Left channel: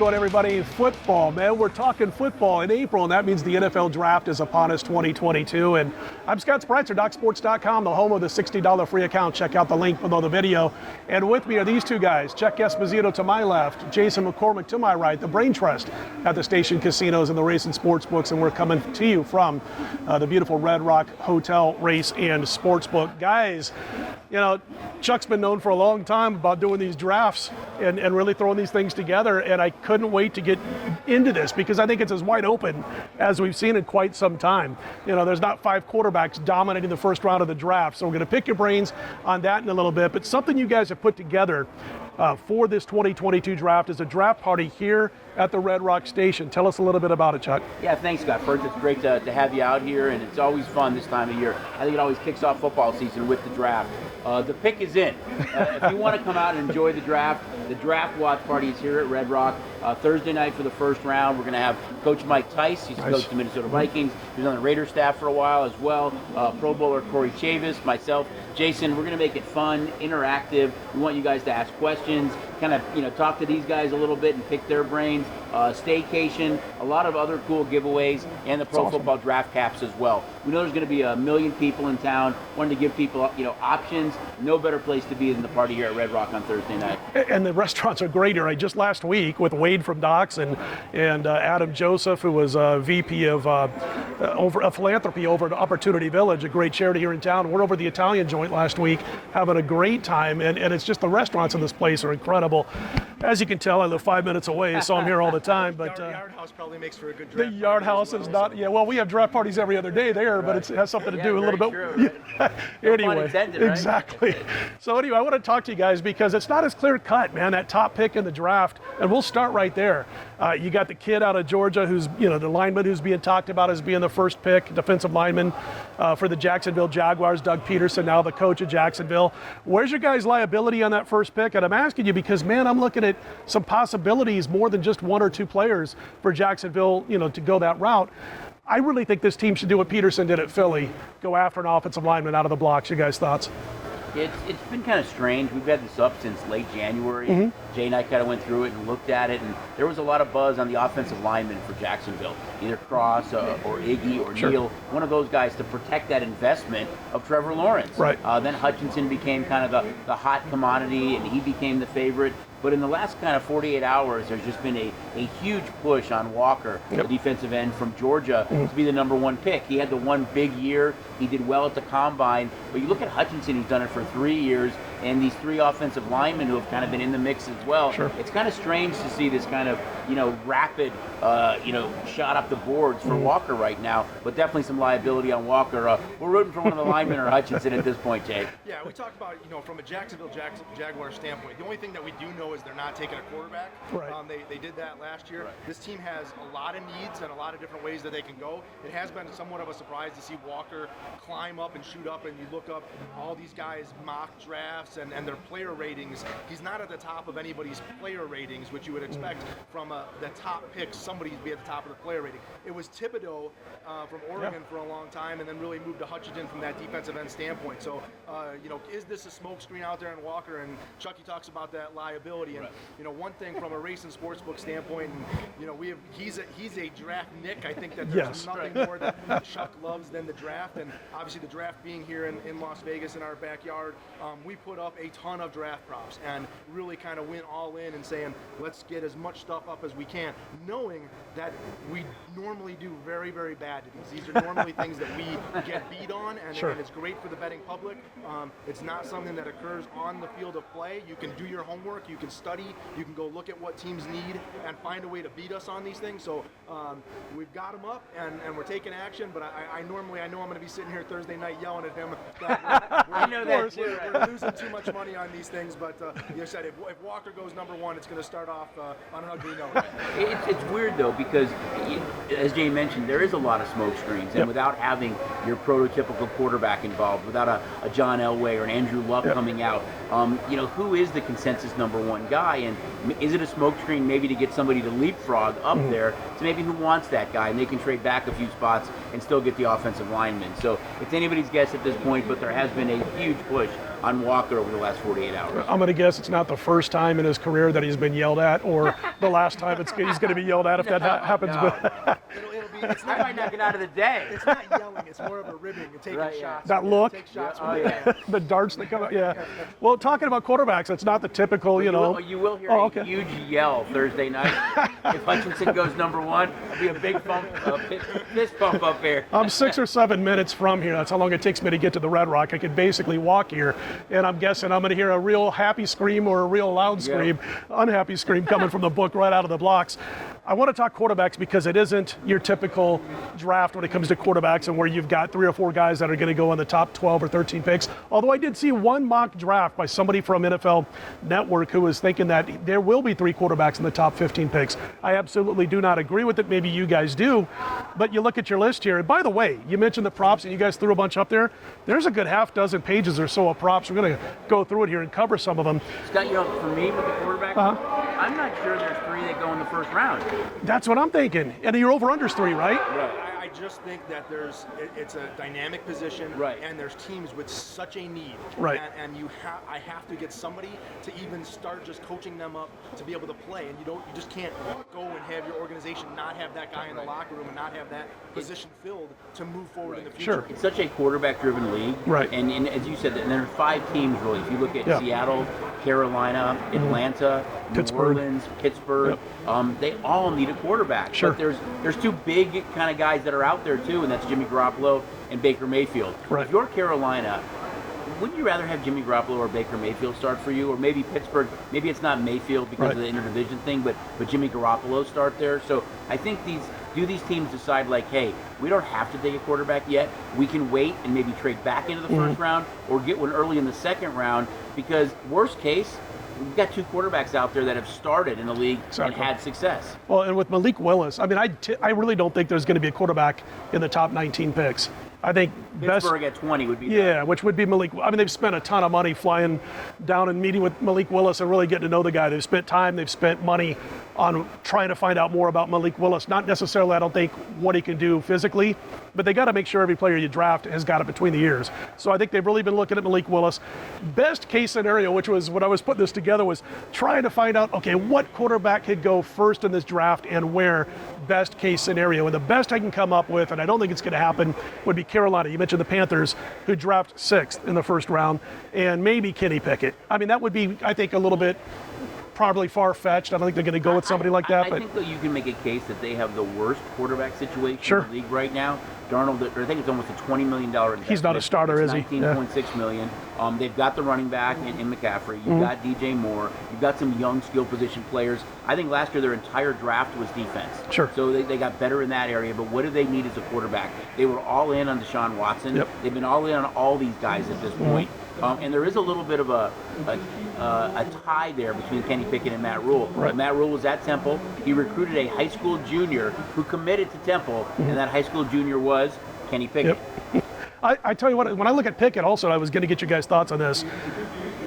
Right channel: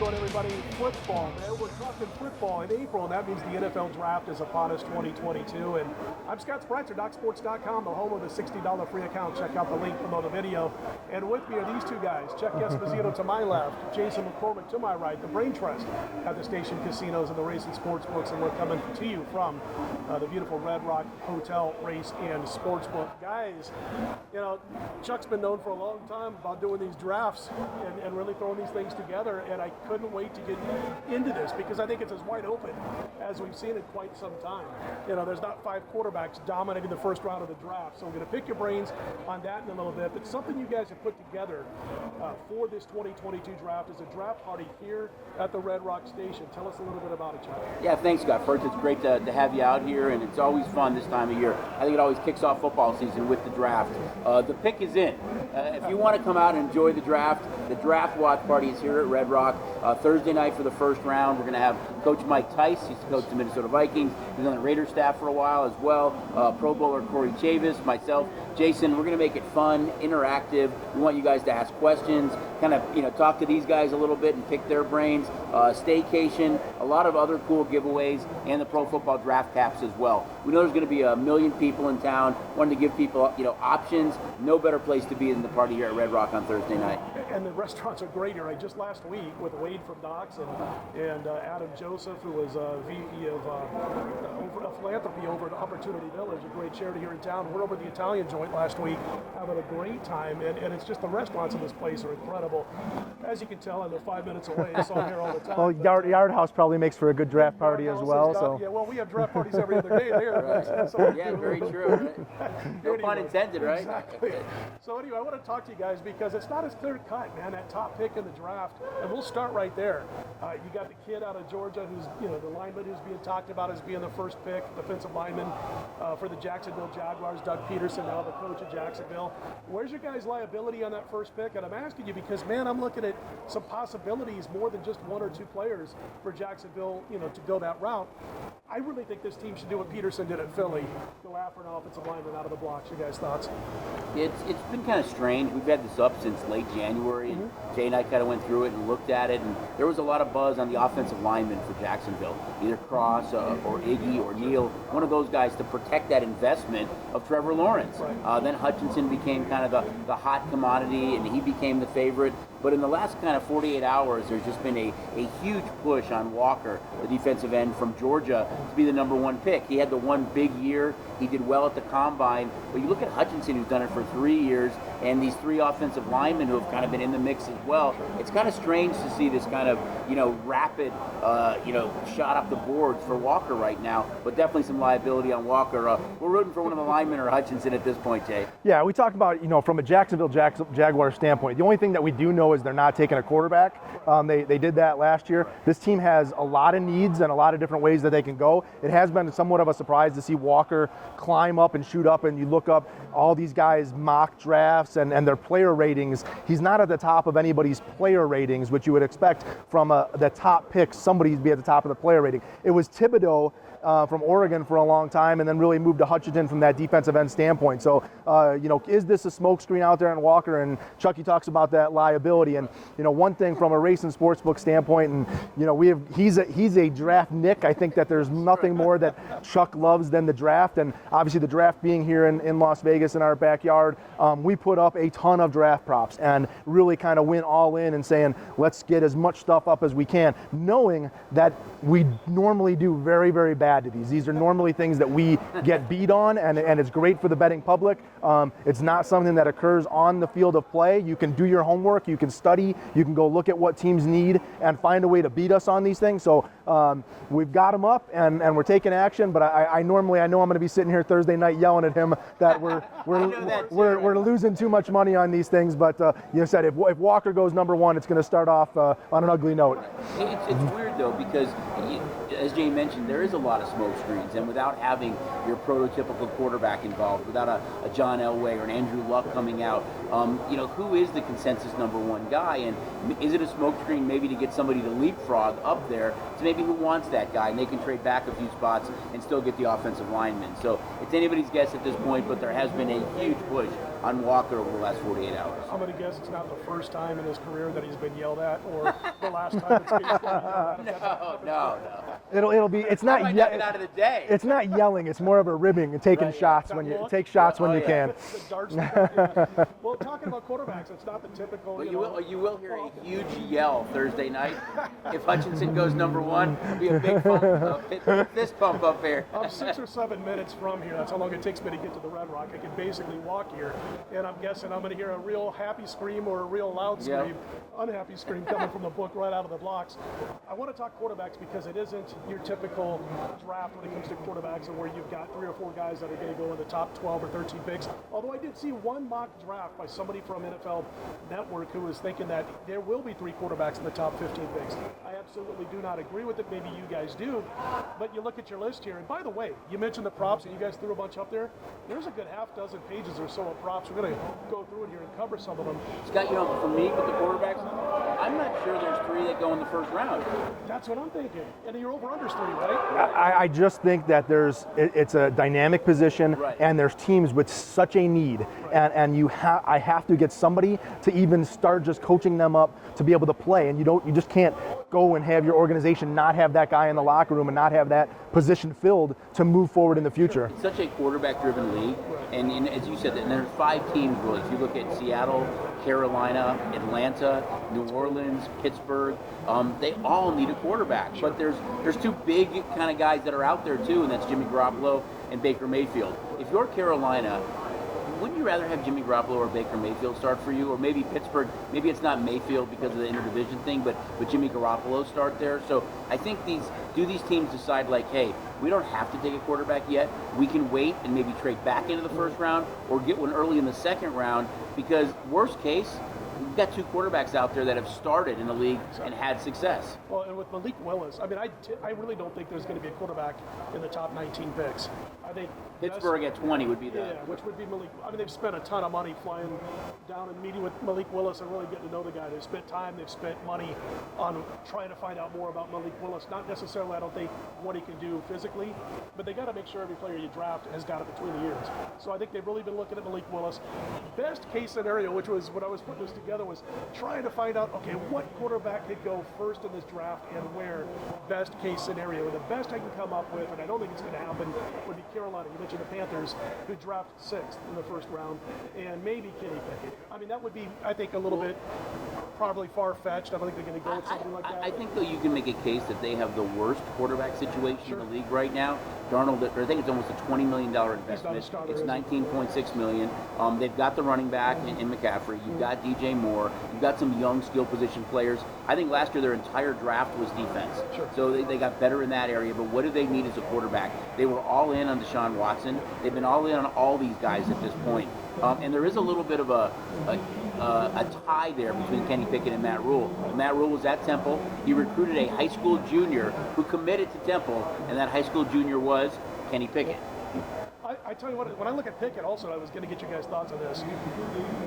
going, everybody? Football, man. We're talking football in April, and that means the NFL Draft is upon us 2022. And I'm Scott Spreitzer, DocSports.com, the home of the $60 free account. Check out the link below the video. And with me are these two guys, Chuck Esposito to my left, Jason McCormick to my right, the brain trust at the Station Casinos and the Race and Sportsbooks. And we're coming to you from the beautiful Red Rock Hotel, Race and Sportsbook. Guys, you know, Chuck's been known for a long time about doing these drafts and really throwing these things together, and I couldn't wait to get into this because I think it's as wide open as we've seen in quite some time. You know, there's not 5 quarterbacks dominating the first round of the draft, so we're going to pick your brains on that in a little bit. But something you guys have put together for this 2022 draft is a draft party here at the Red Rock Station. Tell us a little bit about it, Chuck. Yeah, thanks, Scott. First, it's great to have you out here, and it's always fun this time of year. I think it always kicks off football season with the draft. The pick is in. If you want to come out and enjoy the draft watch party is here at Red Rock. Thursday night for the first round, we're going to have Coach Mike Tice. He's the coach of the Minnesota Vikings. He was on the Raiders staff for a while as well. Pro Bowler Corey Chavis, myself, Jason. We're going to make it fun, interactive. We want you guys to ask questions, kind of talk to these guys a little bit and pick their brains. Staycation, a lot of other cool giveaways, and the Pro Football Draft Caps as well. We know there's going to be 1 million people in town. Wanting to give people options. No better place to be than the party here at Red Rock on Thursday night. And the restaurants are great here. Just last week with Wade from Docs and Adam Joseph, who was VP of philanthropy over at Opportunity Village, a great charity here in town. We're over the Italian joint last week having a great time, and it's just the restaurants in this place are incredible. As you can tell, I live 5 minutes away, so I'm here all the time. Well, Yard House probably makes for a good draft party Yard House as well. is not, yeah, well, we have draft parties every other day there, but it has something to do a little bit. Anyway, intended, right? Exactly. So anyway, I want to talk to you guys because it's not as clear cut, man, that top pick in the draft, and we'll start right there. You got the kid out of Georgia who's, the lineman who's being talked about as being the first pick, defensive lineman for the Jacksonville Jaguars, Doug Peterson, now the coach of Jacksonville. Where's your guys' liability on that first pick? And I'm asking you because, man, I'm looking at some possibilities more than just 1 or 2 players for Jacksonville, to go that route. I really think this team should do what Peterson did at Philly, go after an offensive lineman out of the blocks. You guys' thoughts? It's been kind of strange. We've had this up since late January. Mm-hmm. Jay and I kind of went through it and looked at it, and there was a lot of buzz on the offensive lineman for Jacksonville, either Cross or Iggy or Neal, one of those guys to protect that investment of Trevor Lawrence. Right. Then Hutchinson became kind of the hot commodity, and he became the favorite. But in the last kind of 48 hours, there's just been a huge push on Walker, the defensive end from Georgia, to be the number 1 pick. He had the one big year. He did well at the combine. But you look at Hutchinson, who's done it for 3 years, and these 3 offensive linemen who have kind of been in the mix as well. Sure. It's kind of strange to see this kind of, rapid, shot up the boards for Walker right now. But definitely some liability on Walker. We're rooting for one of the linemen or Hutchinson at this point, Jay. Yeah, we talked about, from a Jacksonville Jaguar standpoint, the only thing that we do know is they're not taking a quarterback. Right. They did that last year. This team has a lot of needs and a lot of different ways that they can go. It has been somewhat of a surprise to see Walker climb up and shoot up, and you look up all these guys' mock drafts and their player ratings. He's not at the top of anybody's player ratings, which you would expect from the top picks, somebody to be at the top of the player rating. It was Thibodeau from Oregon for a long time, and then really moved to Hutchinson from that defensive end standpoint. So, is this a smokescreen out there in Walker? And Chucky talks about that liability. And one thing from a race and sportsbook standpoint, and he's a draft Nick. I think that there's nothing more that Chuck loves than the draft, and obviously the draft being here in Las Vegas in our backyard, we put up a ton of draft props and really kind of went all in and saying, let's get as much stuff up as we can, knowing that we normally do very, very bad to these. These are normally things that we get beat on, and it's great for the betting public. It's not something that occurs on the field of play. You can do your homework, you can study, you can go look at what teams need and find a way to beat us on these things. So we've got him up, and we're taking action, but I know I'm going to be sitting here Thursday night yelling at him that we're losing too much money on these things. But you said if Walker goes number 1, it's going to start off on an ugly note. It's weird though, because as Jay mentioned, there is a lot of smoke screens, and without having your prototypical quarterback involved, without a John Elway or an Andrew Luck coming out, who is the consensus number 1 guy? And is it a smoke screen maybe to get somebody to leapfrog up there to maybe maybe who wants that guy, and they can trade back a few spots and still get the offensive lineman. So it's anybody's guess at this point, but there has been a huge push on Walker over the last 48 hours. I'm going to guess it's not the first time in his career that he's been yelled at, or the last time he's going to be yelled at if that happens. No. It'll be. It's not yelling out of the day. It's not yelling. It's more of a ribbing and taking shots. That look. Take shots when you can. The darts that come out. Yeah. Well, talking about quarterbacks, it's not the typical, You will hear a huge yell Thursday night. If Hutchinson goes number one, it'll be a big fist bump up there. I'm 6 or 7 minutes from here. That's how long it takes me to get to the Red Rock. I could basically walk here, and I'm guessing I'm going to hear a real happy scream or a real loud scream, unhappy scream coming from the book right out of the blocks. I want to talk quarterbacks because it isn't your typical draft when it comes to quarterbacks and where you've got 3 or 4 guys that are going to go in the top 12 or 13 picks. Although I did see one mock draft by somebody from NFL Network who was thinking that there will be 3 quarterbacks in the top 15 picks. I absolutely do not agree with it. Maybe you guys do. But you look at your list here. And by the way, you mentioned the props and you guys threw a bunch up there. There's a good half dozen pages or so of props. We're going to go through it here and cover some of them. Scott, for me with the quarterback, I'm not sure there's 3 that go in the first round. That's what I'm thinking. And your over-under's 3, right? I just think that it's a dynamic position, and there's teams with such a need, and I have to get somebody to even start just coaching them up to be able to play, and you just can't go and have your organization not have that guy in the locker room and not have that position filled to move forward in the future. Sure. It's such a quarterback-driven league, right? And as you said, there's 5 teams really. If you look at Seattle, Carolina, Atlanta, Pittsburgh. New Orleans, Pittsburgh, they all need a quarterback. Sure. But there's 2 big kind of guys that are out there too, and that's Jimmy Garoppolo and Baker Mayfield. Right. If you're Carolina, wouldn't you rather have Jimmy Garoppolo or Baker Mayfield start for you? Or maybe Pittsburgh, maybe it's not Mayfield because of the interdivision thing, but Jimmy Garoppolo start there. So I think these teams decide like, hey, we don't have to take a quarterback yet. We can wait and maybe trade back into the first round or get one early in the second round, because worst case, we've got 2 quarterbacks out there that have started in the league and had success. Well, and with Malik Willis, I mean, I really don't think there's going to be a quarterback in the top 19 picks. I think Pittsburgh at 20 would be which would be Malik. I mean, they've spent a ton of money flying down and meeting with Malik Willis and really getting to know the guy. They've spent time, they've spent money on trying to find out more about Malik Willis. Not necessarily, I don't think, what he can do physically, but they got to make sure every player you draft has got it between the ears. So I think they've really been looking at Malik Willis. Best case scenario, which was when I was putting this together, was trying to find out, okay, what quarterback could go first in this draft and where. Best case scenario. And the best I can come up with, and I don't think it's going to happen, would be Carolina. You mentioned the Panthers, who draft 6th in the first round, and maybe Kenny Pickett. I mean, that would be, I think, a little bit probably far-fetched. I don't think they're going to go with somebody like that. I think that you can make a case that they have the worst quarterback situation in the league right now. Darnold, I think it's almost a $20 million investment. He's not a starter, is he? $19.6 million. They've got the running back in McCaffrey. You've got DJ Moore. You've got some young skill position players. I think last year their entire draft was defense. Sure. So they got better in that area. But what do they need as a quarterback? They were all in on Deshaun Watson. Yep. They've been all in on all these guys at this point. And there is a little bit of a tie there between Kenny Pickett and Matt Rule. Right. Matt Rule was at Temple. He recruited a high school junior who committed to Temple, and that high school junior was Kenny Pickett. Yep. I tell you what, when I look at Pickett also, I was going to get you guys' thoughts on this.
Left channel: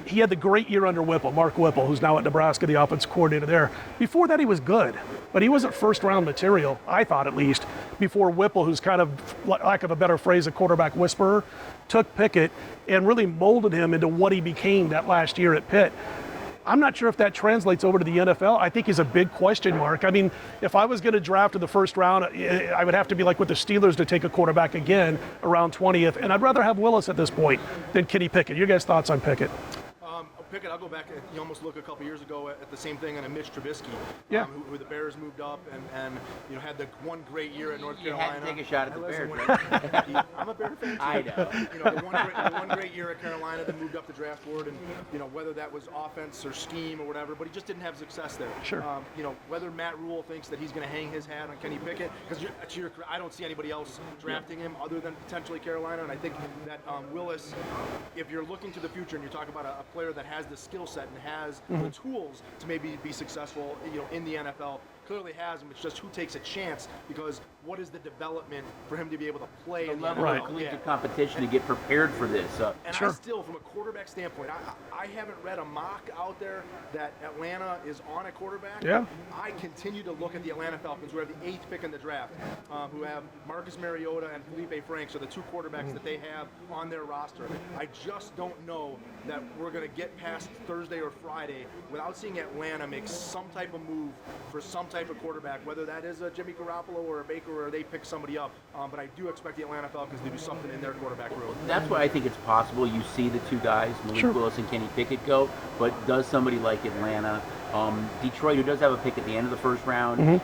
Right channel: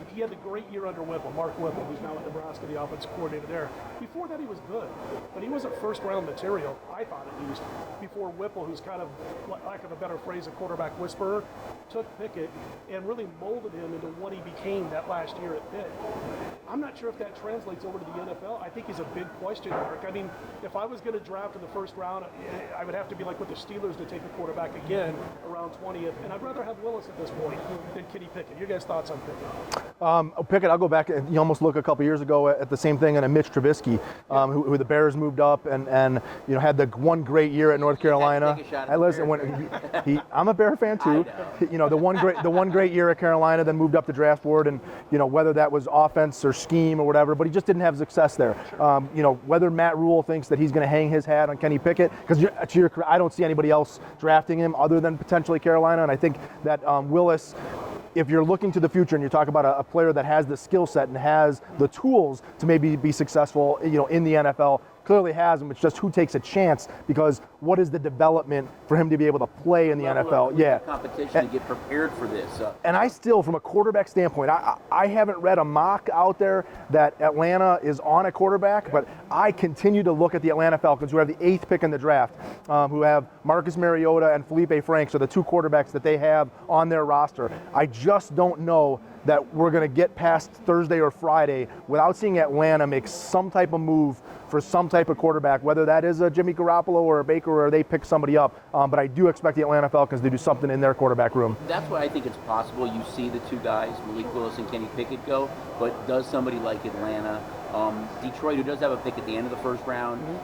He had the great year under Whipple, Mark Whipple, who's now at Nebraska, the offensive coordinator there. Before that, he was good, but he wasn't first-round material, I thought at least, before Whipple, who's kind of, lack of a better phrase, a quarterback whisperer, took Pickett and really molded him into what he became that last year at Pitt. I'm not sure if that translates over to the NFL. I think he's a big question mark. I mean, if I was going to draft in the first round, I would have to be like with the Steelers to take a quarterback again around 20th, and I'd rather have Willis at this point than Kenny Pickett. Your guys' thoughts on Pickett? Pickett, I'll go back. You almost look a couple years ago at the same thing in a Mitch Trubisky, who the Bears moved up and had the one great year at North Carolina. I'm a Bear fan too. The one great year at Carolina, then moved up the draft board, and whether that was offense or scheme or whatever, but he just didn't have success there. Sure. Whether Matt Rule thinks that he's going to hang his hat on Kenny Pickett, because I don't see anybody else drafting him other than potentially Carolina, and I think that Willis, if you're looking to the future and you talk about a player that has the skill set and has the tools to maybe be successful, in the NFL, clearly has him. It's just who takes a chance, because what is the development for him to be able to play in the NFL? Yeah, competition to get prepared for this. And I still, from a quarterback standpoint, I haven't read a mock out there that Atlanta is on a quarterback, but I continue to look at the Atlanta Falcons, who have the 8th pick in the draft, who have Marcus Mariota and Felipe Franks are the 2 quarterbacks that they have on their roster. I just don't know that we're going to get past Thursday or Friday without seeing Atlanta make some type of move for some type of quarterback, whether that is a Jimmy Garoppolo or a Baker, or they pick somebody up. But I do expect the Atlanta Falcons to do something in their quarterback room. That's why I think it's possible you see the 2 guys, Malik Willis and Kenny Pickett, go, but does somebody like Atlanta, Detroit, who does have a pick at the end of the first round,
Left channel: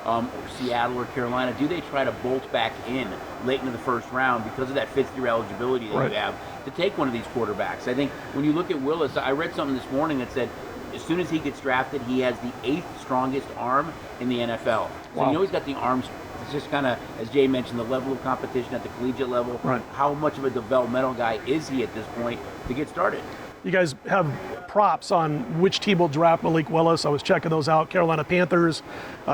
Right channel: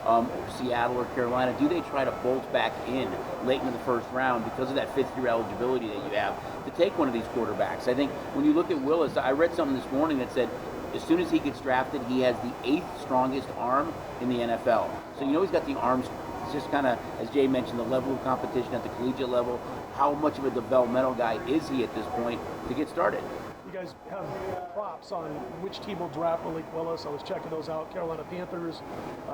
Seattle or Carolina, do they try to bolt back in late in the first round because of that 5th-year eligibility that you have to take one of these quarterbacks? I think when you look at Willis, I read something this morning that said as soon as he gets drafted, he has the 8th strongest arm in the NFL. So you know he's got the arms. It's just kind of, as Jay mentioned, the level of competition at the collegiate level. How much of a developmental guy is he at this point to get started? You guys have props on which team will draft Malik Willis. I was checking those out. Carolina Panthers,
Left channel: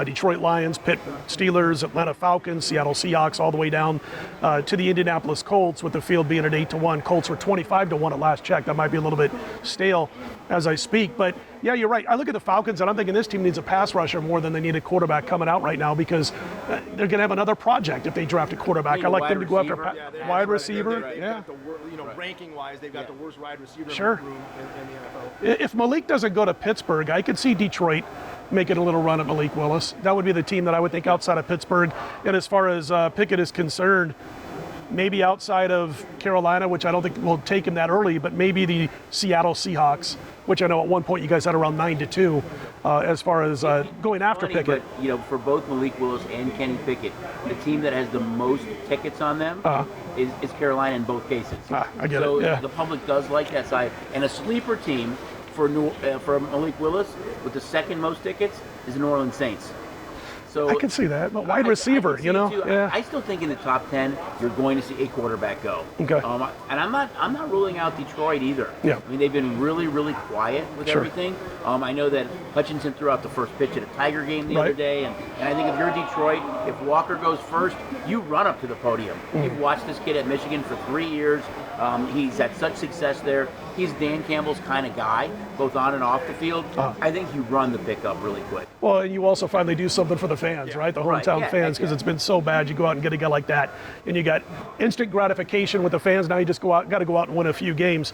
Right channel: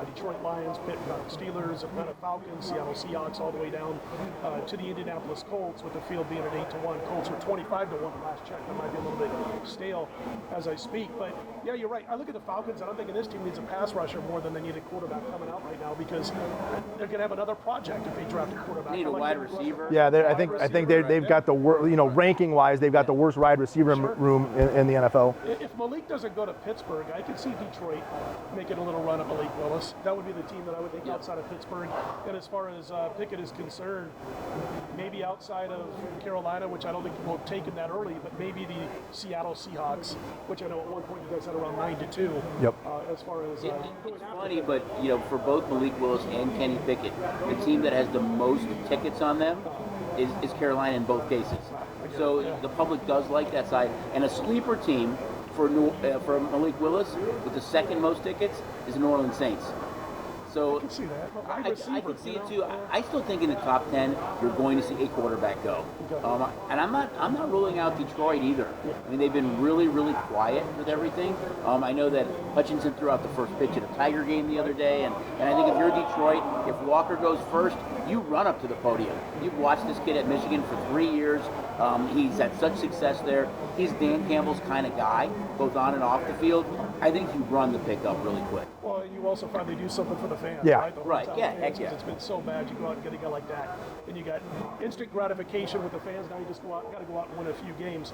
Detroit Lions, Pitt Steelers, Atlanta Falcons, Seattle Seahawks, all the way down to the Indianapolis Colts, with the field being at 8-1. Colts were 25-1 at last check. That might be a little bit stale as I speak. But yeah, you're right. I look at the Falcons and I'm thinking this team needs a pass rusher more than they need a quarterback coming out right now, because they're going to have another project if they draft a quarterback. I like them to go after wide receiver. I think they've got the ranking-wise, they've got the worst wide receiver room in the NFL. If Malik doesn't go to Pittsburgh, I could see Detroit making a little run at Malik Willis. That would be the team that I would think outside of Pittsburgh. And as far as Pickett is concerned, maybe outside of Carolina, which I don't think will take him that early, but maybe the Seattle Seahawks, which I know at one point you guys had around 9-2 as far as going after Pickett. But for both Malik Willis and Kenny Pickett, the team that has the most tickets on them is Carolina in both cases. I get it. Yeah. The public does like that side. And a sleeper team for Malik Willis with the 2nd most tickets is the New Orleans Saints. So I can see that, but wide receiver, I still think in the top 10 you're going to see a quarterback go. Okay. And I'm not ruling out Detroit either. Yeah. I mean, they've been really, really quiet with everything. I know that Hutchinson threw out the first pitch at a Tiger game the other day, and I think if you're Detroit, if Walker goes first, you run up to the podium. You've watched this kid at Michigan for 3 years. He's had such success there. He's Dan Campbell's kind of guy, both on and off the field. I think you run the pickup really quick. Well, and you also finally do something for the fans, right? The hometown fans, because it's been so bad. You go out and get a guy like that, and you got instant gratification with the fans. Now you just got to go out and win a few games.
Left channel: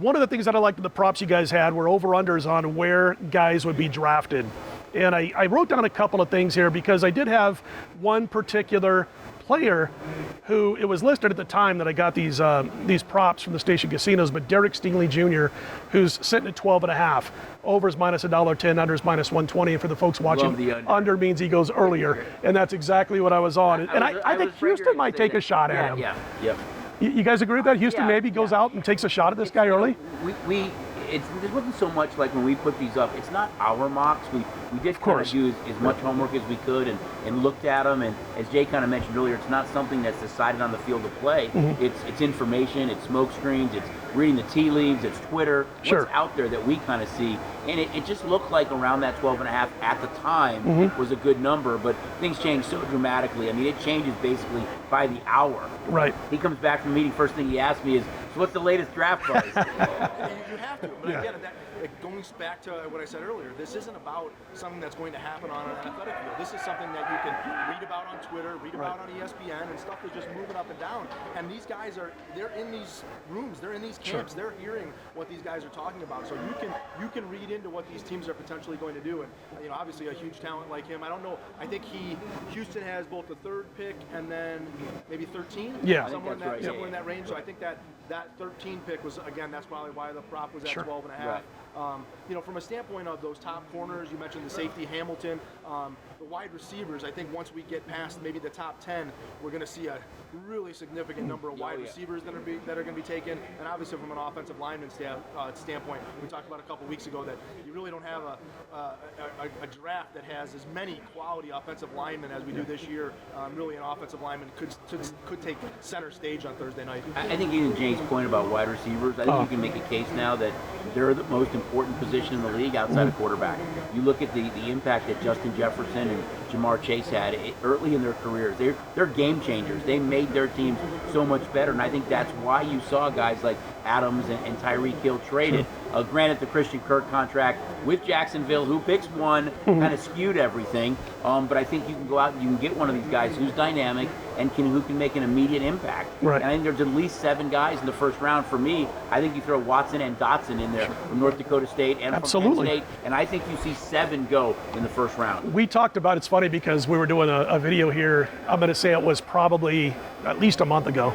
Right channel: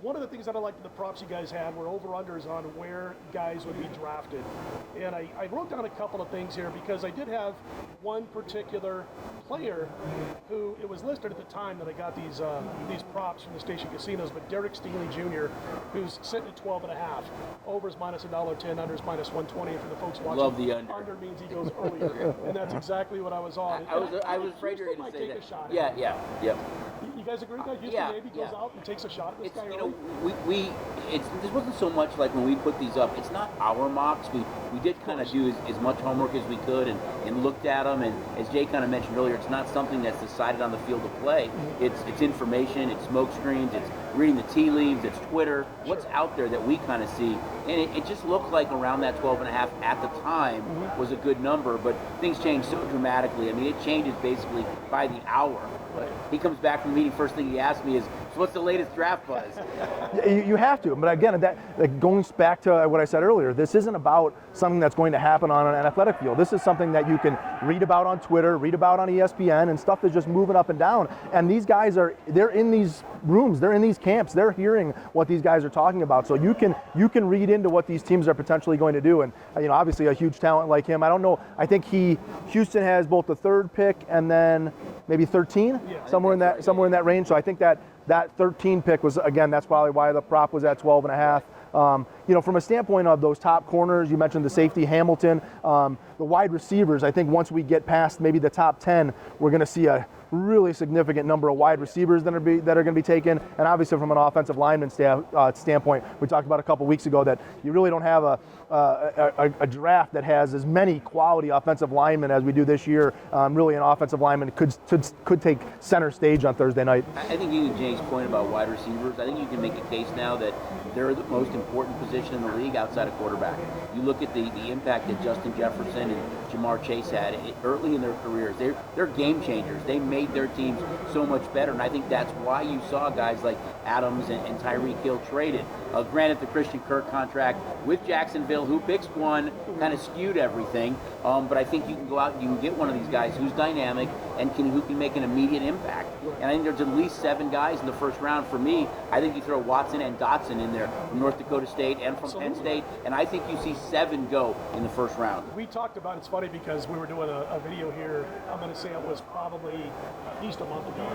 One of the things that I liked in the props you guys had were over-unders on where guys would be drafted. And I wrote down a couple of things here, because I did have one particular player who, it was listed at the time that I got these props from the station casinos, but Derek Stingley Jr., who's sitting at 12.5. Overs minus $1.10, unders minus 120. And for the folks watching, under means he goes earlier, and that's exactly what I was on. And I think Houston might take a shot at him. You guys agree with that? Houston maybe goes out and takes a shot at this guy early? This wasn't so much like when we put these up. It's not our mocks. We did kind of do as much homework as we could and looked at them. And as Jay kind of mentioned earlier, it's not something that's decided on the field of play. It's information. It's smoke screens. It's reading the tea leaves. It's Twitter. What's out there that we kind of see. And it just looked like around that 12.5 at the time was a good number. But things change so dramatically. I mean, it changes basically by the hour. Right. He comes back from the meeting. First thing he asks me is, so what's the latest draft price? You have to. But again, going back to what I said earlier, this isn't about something that's going to happen on an athletic field. This is something that you can read about on Twitter, read about on ESPN, and stuff is just moving up and down. And these guys they're in these rooms, they're in these camps, they're hearing what these guys are talking about. So you can read into what these teams are potentially going to do. And obviously a huge talent like him. I don't know. I think Houston has both the 3rd pick and then maybe 13. Yeah. Somewhere in that range. So I think that 13 pick was, again, that's probably why the prop was at 12.5. From a standpoint of those top corners, you mentioned the safety, Hamilton, the wide receivers, I think once we get past maybe the top 10, we're going to see a really significant number of wide receivers that are going to be taken, and obviously from an offensive lineman standpoint, we talked about a couple weeks ago that you really don't have a draft that has as many quality offensive linemen as we do this year. Really, an offensive lineman could take center stage on Thursday night. I think using Jake's point about wide receivers, I think you can make a case now that they're the most important position in the league outside of quarterback. You look at the impact that Justin Jefferson and Jamar Chase had early in their careers. They're game changers. They made their teams so much better, and I think that's why you saw guys like Adams and Tyreek Hill traded. Granted, the Christian Kirk contract with Jacksonville, who picks one, kind of skewed everything. But I think you can go out and you can get one of these guys who's dynamic and who can make an immediate impact. Right. And I think there's at least 7 guys in the first round. For me, I think you throw Watson and Dotson in there from North Dakota State and from Penn State, and I think you see 7 go in the first round. We talked about, it's funny because we were doing a video here, I'm going to say it was probably at least a month ago,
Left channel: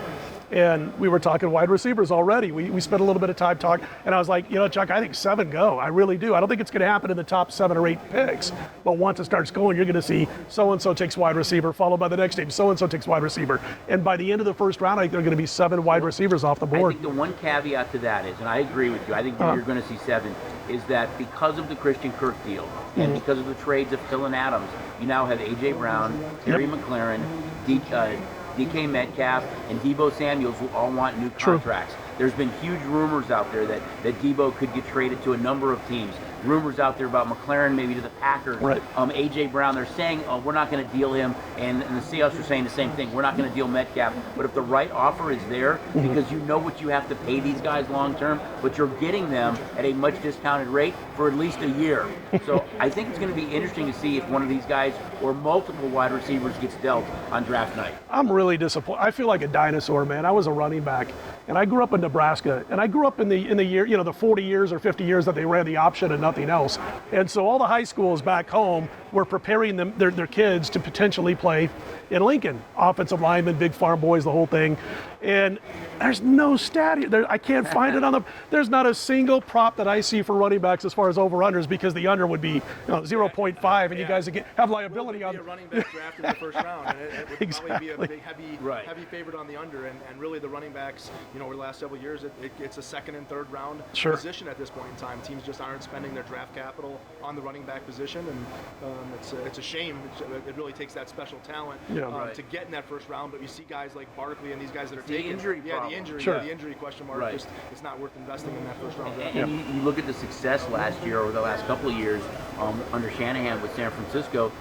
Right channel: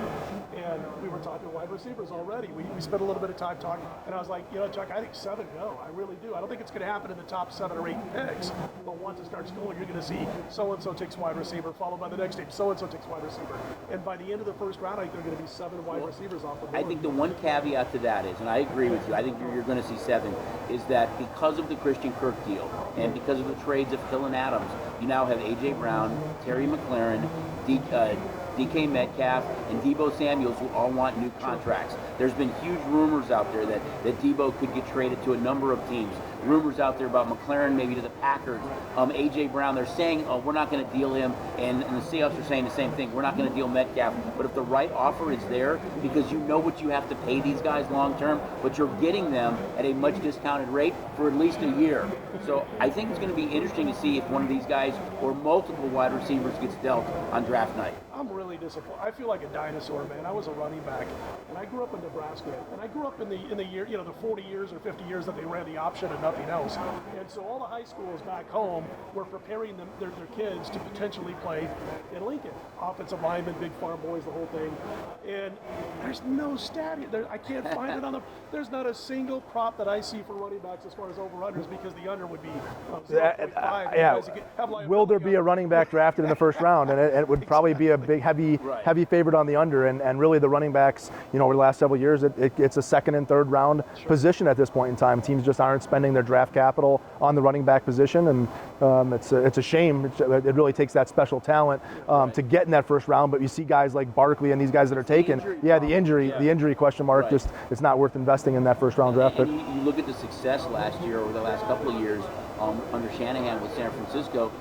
and we were talking wide receivers already. We spent a little bit of time talking, and I was like, Chuck, I think 7 go. I really do. I don't think it's going to happen in the top 7 or 8 picks, but once it starts going, you're going to see so-and-so takes wide receiver, followed by the next team, so-and-so takes wide receiver. And by the end of the first round, I think there are going to be 7 wide receivers off the board. I think the one caveat to that is, and I agree with you, I think you're going to see 7, is that because of the Christian Kirk deal and because of the trades of Hill and Adams, you now have A.J. Brown, Terry McLaurin, DK Metcalf, and Deebo Samuels, who all want new contracts. There's been huge rumors out there that Deebo could get traded to a number of teams. Rumors out there about McLaren maybe to the Packers. Right. A.J. Brown, they're saying, we're not going to deal him, and the Seahawks are saying the same thing. We're not going to deal Metcalf. But if the right offer is there, because you know what you have to pay these guys long term, but you're getting them at a much discounted rate for at least a year. So I think it's going to be interesting to see if one of these guys or multiple wide receivers gets dealt on draft night. I'm really disappointed. I feel like a dinosaur, man. I was a running back, and I grew up in Nebraska, and I grew up in the year, the 40 years or 50 years that they ran the option and nothing else. And so all the high schools back home were preparing their kids to potentially play in Lincoln. Offensive linemen, big farm boys, the whole thing. And there's no stat. I can't find it there's not a single prop that I see for running backs as far as over-unders, because the under would be 0.5, and you guys have liability. Will there be a running back drafted in the first round? And it would probably be a big, heavy favorite on the under. And really the running backs, over the last several years, it's a second and third round position at this point in time. Teams just aren't spending their draft capital on the running back position, and it's a shame. It really takes that special talent to get in that first round. But you see guys like Barkley and these guys that are taken. The injury question mark, just it's not worth investing in that first round draft. And you look at the success last year or the last couple of years under Shanahan with San Francisco.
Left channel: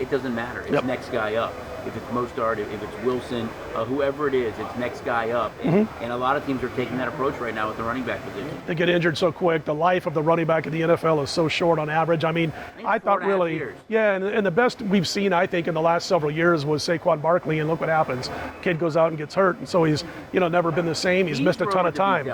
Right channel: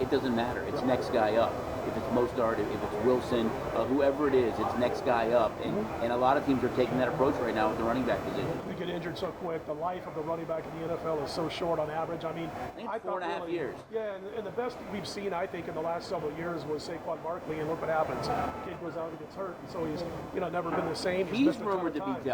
It doesn't matter. It's next guy up. If it's Mostard, if it's Wilson, whoever it is, it's next guy up. And a lot of teams are taking that approach right now with the running back position. They get injured so quick. The life of the running back in the NFL is so short on average. I mean, I thought really, and the best we've seen, I think, in the last several years was Saquon Barkley, and look what happens. Kid goes out and gets hurt, and so he's, never been the same. He's missed a ton of time.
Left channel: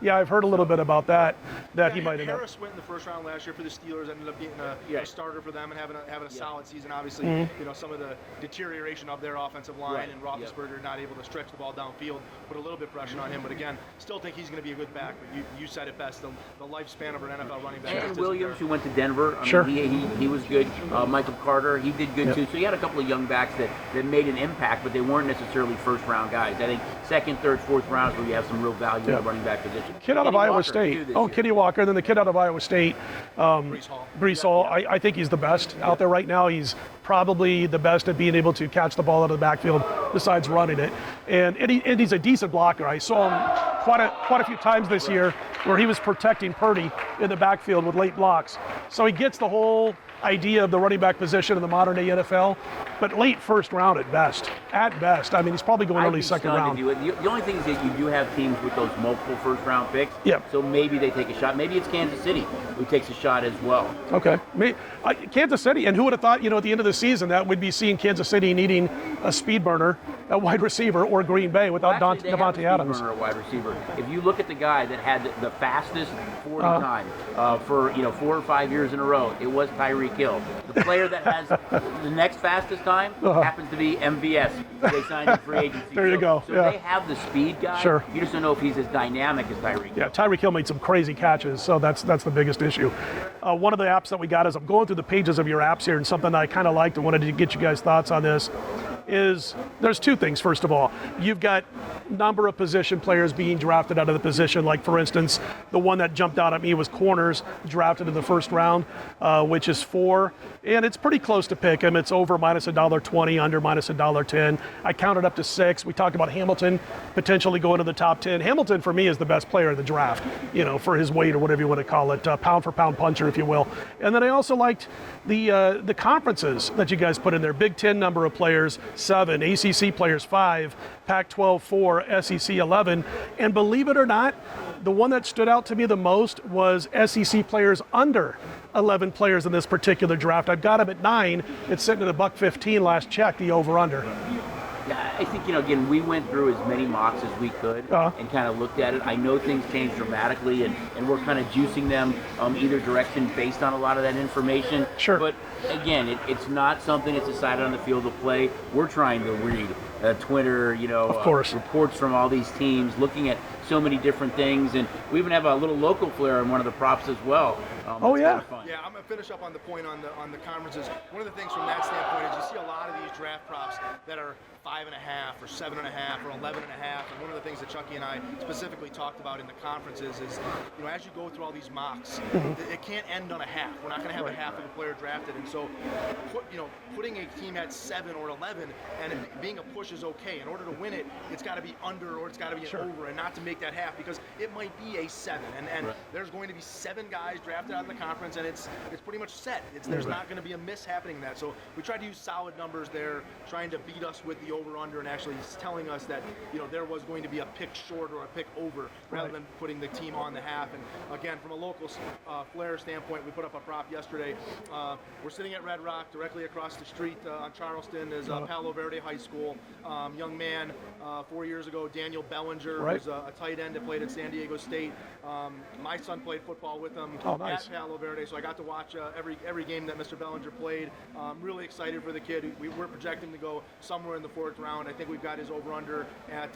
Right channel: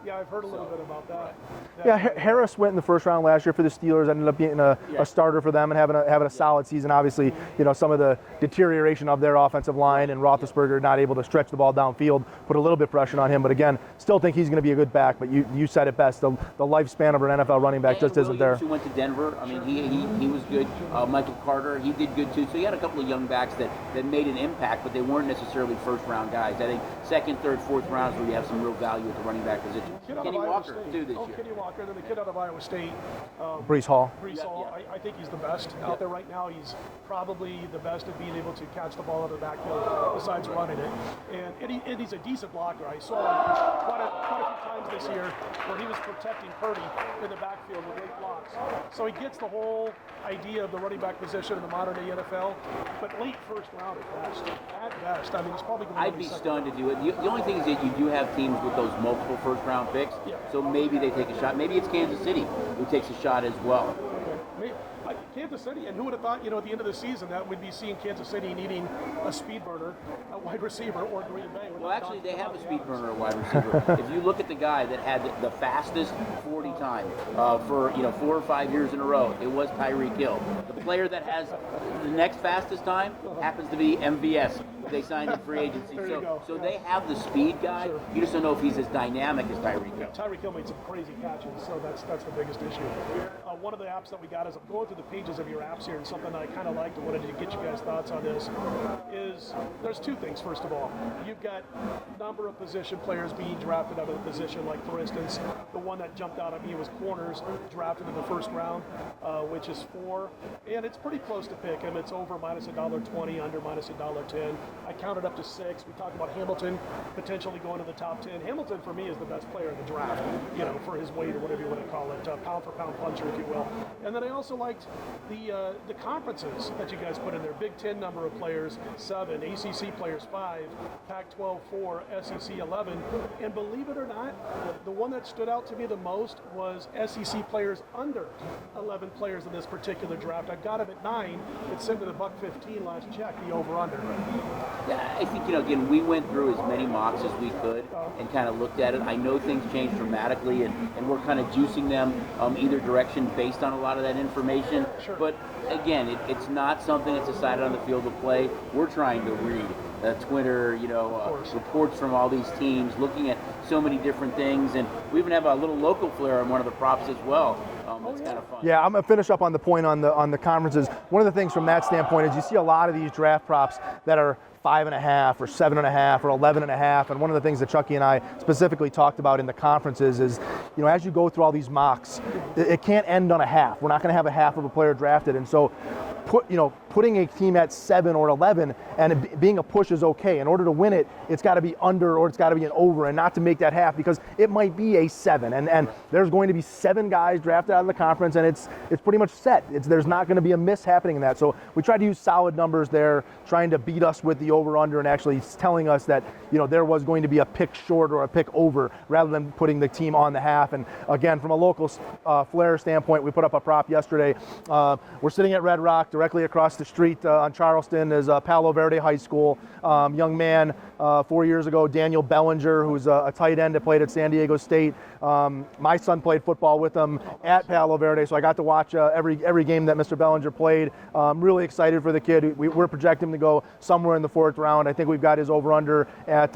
Yeah, I've heard a little bit about that. Harris went in the first round last year for the Steelers, ended up being a starter for them and having a solid season. Obviously, some of the deterioration of their offensive line and Roethlisberger not able to stretch the ball downfield put a little bit of pressure on him. But again, still think he's going to be a good back. But you said it best. The lifespan of an NFL running back just isn't there. Who went to Denver. I mean, he was good. Michael Carter, he did good too. So you had a couple of young backs that made an impact, but they weren't necessarily first round guys. I think second, third, fourth round is where you have some real value in the running back position. Kid out of Iowa State. Kenny Walker, and then the kid out of Iowa State. Breece Hall. I think he's the best out there right now. He's probably the best at being able to catch the ball out of the backfield besides running it. And he's a decent blocker. I saw him quite a few times this year where he was protecting Purdy in the backfield with late blocks. So he gets the whole idea of the running back position in the modern day NFL, but late first round at best. At best. I mean, he's probably going early second round. The only thing is that you do have teams with those multiple first round picks. Yeah. So maybe they take a shot. Maybe it's Kansas City who takes a shot as well. Okay. Kansas City, and who would have thought, at the end of the season that we'd be seeing Kansas City needing a speed burner, a wide receiver, or Green Bay without Devontae Adams. A wide receiver. If you look at the guy that had the fastest 40 time for 4 or 5 years in a row, it was Tyreek Hill. The player that has the next fastest time happens to be MVS. They signed in free agency. There you go. So they have the speed guy. Sure. You just don't know if he's as dynamic as Tyreek Hill. Yeah, Tyreek Hill made some crazy catches, so that's the biggest issue. One of the apps that we got is I'm going through the pages of your apps here, and something I kind of liked and wanted to get you guys' thoughts on this. is there's two things. First of all, you've got number of position players being drafted out of the position. Like, for instance, the one that jumped out at me was corners drafted in the first round, which is 4. And it's pretty close to pick 'em. It's over minus $1.20, under minus $1.10. I counted up to 6. We talked about Hamilton potentially going to the top 10. Hamilton, for me, is the best player in the draft, for his weight or whatever you want to call it, pound for pound puncher, if you will. And then I also liked the conferences that you guys put in there. Big Ten number of players, 7. ACC players, 5. Pac-12, 4. SEC, 11. And believe it or not, the one that stood out to me the most was SEC players under 11 players in this particular draft. I've got him at 9. It's sitting at $1.15 last check, the over-under. I think, again, we went through as many mocks as we could and kind of looked at it. I know things change dramatically, and we're kind of juicing them either direction based on a lot of that information. Sure. But, again, it's not something that's decided on the field of play. We're trying to read Twitter, of course, reports from all these teams, looking at so many different things. And we even have a little local flair on one of the props as well. Oh, yeah. Yeah, I'm going to finish up on the point on the conferences. One of the things from that standpoint is you see a lot of these draft props that are 5.5 or 7.5 or 11.5. And one of the things that Chucky and I specifically talked about in the conferences is, as you go through all these mocks, it can't end on a half. We're not going to have a half of a player drafted. And so putting a team at 7 or 11 and it being a push is okay. In order to win it, it's got to be under or it's got to be an over, and not to make that half, because it might be a 7. And there's going to be 7 guys drafted out of the conference, and it's pretty much set. There's not going to be a miss happening in that. So we tried to use solid numbers there, trying to beat us with the over-under and actually telling us that there was going to be a pick short or a pick over, rather than putting the team on the half. And again, from a local flair standpoint, we put up a prop yesterday. We're sitting at Red Rock. Directly across the street on Charleston is Palo Verde High School. Young man 4 years ago, Daniel Bellinger, who's a tight end that played at San Diego State. My son played football with him at Palo Verde, so I got to watch every game that Mr. Bellinger played. I'm really excited for the kid. We're projecting him to go somewhere in the 4th round. I think we've got his over-under at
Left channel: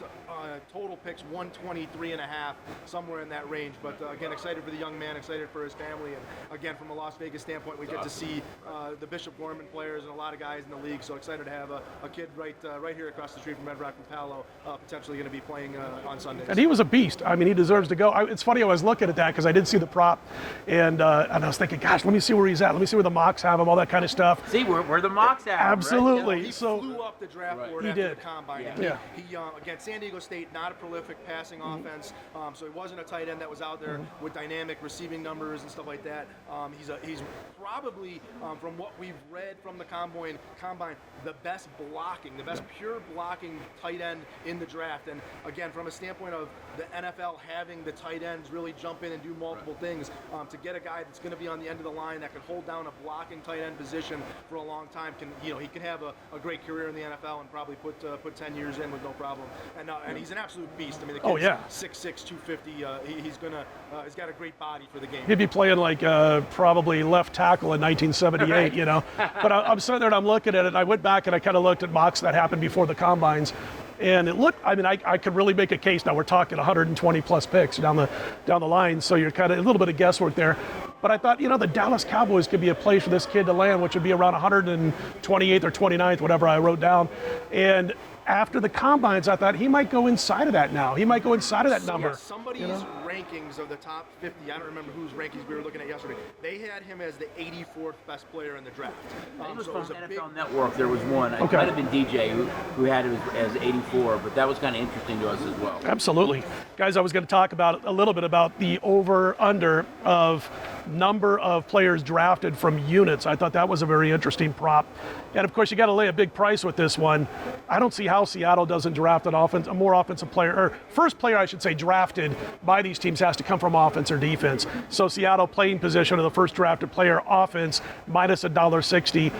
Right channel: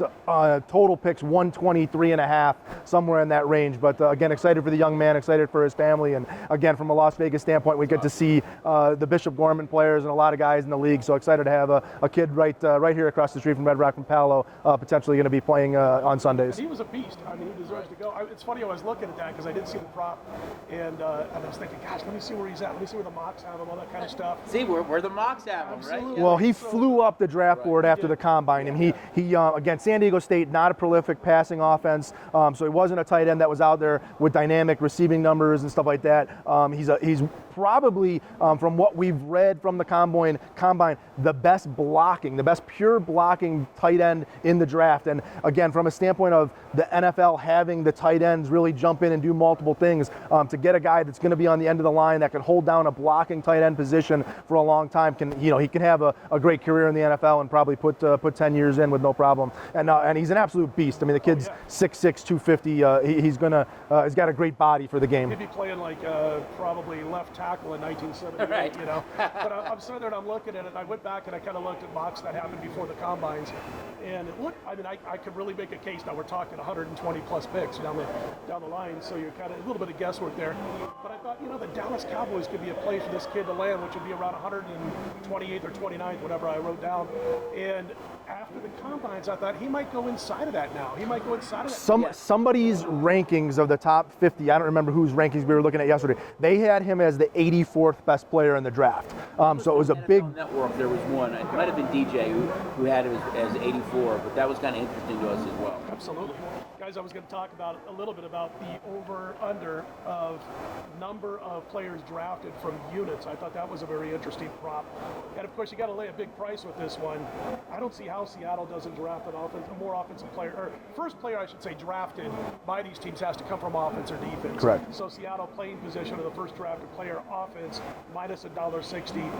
total picks 123.5, somewhere in that range. But again, excited for the young man, excited for his family. And again, from a Las Vegas standpoint, we get to see the Bishop Gorman players and a lot of guys in the league. So excited to have a kid right here across the street from Red Rock from Palo, potentially going to be playing on Sundays. And he was a beast. I mean, he deserves to go. It's funny, I was looking at that because I did see the prop, and I was thinking, gosh, let me see where he's at. Let me see where the mocks have him, all that kind of stuff. See where the mocks at. Absolutely. Right? Well, he flew up the draft board after the combine, and he again, San Diego State, not a prolific passing offense, so he wasn't a tight end that was out there with dynamic receiving numbers and stuff like that. He's probably, from what we've read from the combine, the best pure blocking tight end in the draft. And again, from a standpoint of the NFL having the tight ends really jump in and do multiple things, to get a guy that's going to be on the end of the line that can hold down a blocking tight end position for a long time, he can have a great career in the NFL and probably put 10 years in with no problem. And he's an absolute beast. I mean, the kid's 6'6", 250. He's got a great body for the game. He'd be playing like probably left tackle in 1978, But I'm sitting there and I'm looking at it. I went back and I kind of looked at mocks that happened before the combines. And it looked, I could really make a case. Now we're talking 120 plus picks down the line, so you're kind of a little bit of guesswork there. But I thought, the Dallas Cowboys could be a place for this kid to land, which would be around 128th or 29th, whatever I wrote down. And after the combines, I thought he might go inside of that now. He might go inside of that number. Somebody's rankings of the top 50, I don't remember whose rankings we were looking at yesterday, they had him as the 84th best player in the draft. So it was a big... Network, there was one. It might have been DJ who had him as 84, but that was kind of interesting to us as well. Absolutely. Guys, I was going to talk about a little bit about the over-under of number of players drafted from units. I thought that was a very interesting prop. And of course, you got to lay a big price with this one. I don't see how Seattle doesn't draft a more offensive player, or first player, I should say, drafted by these teams has to come from offense or defense. Right. So Seattle playing position of the first drafted player, offense, minus $1.60.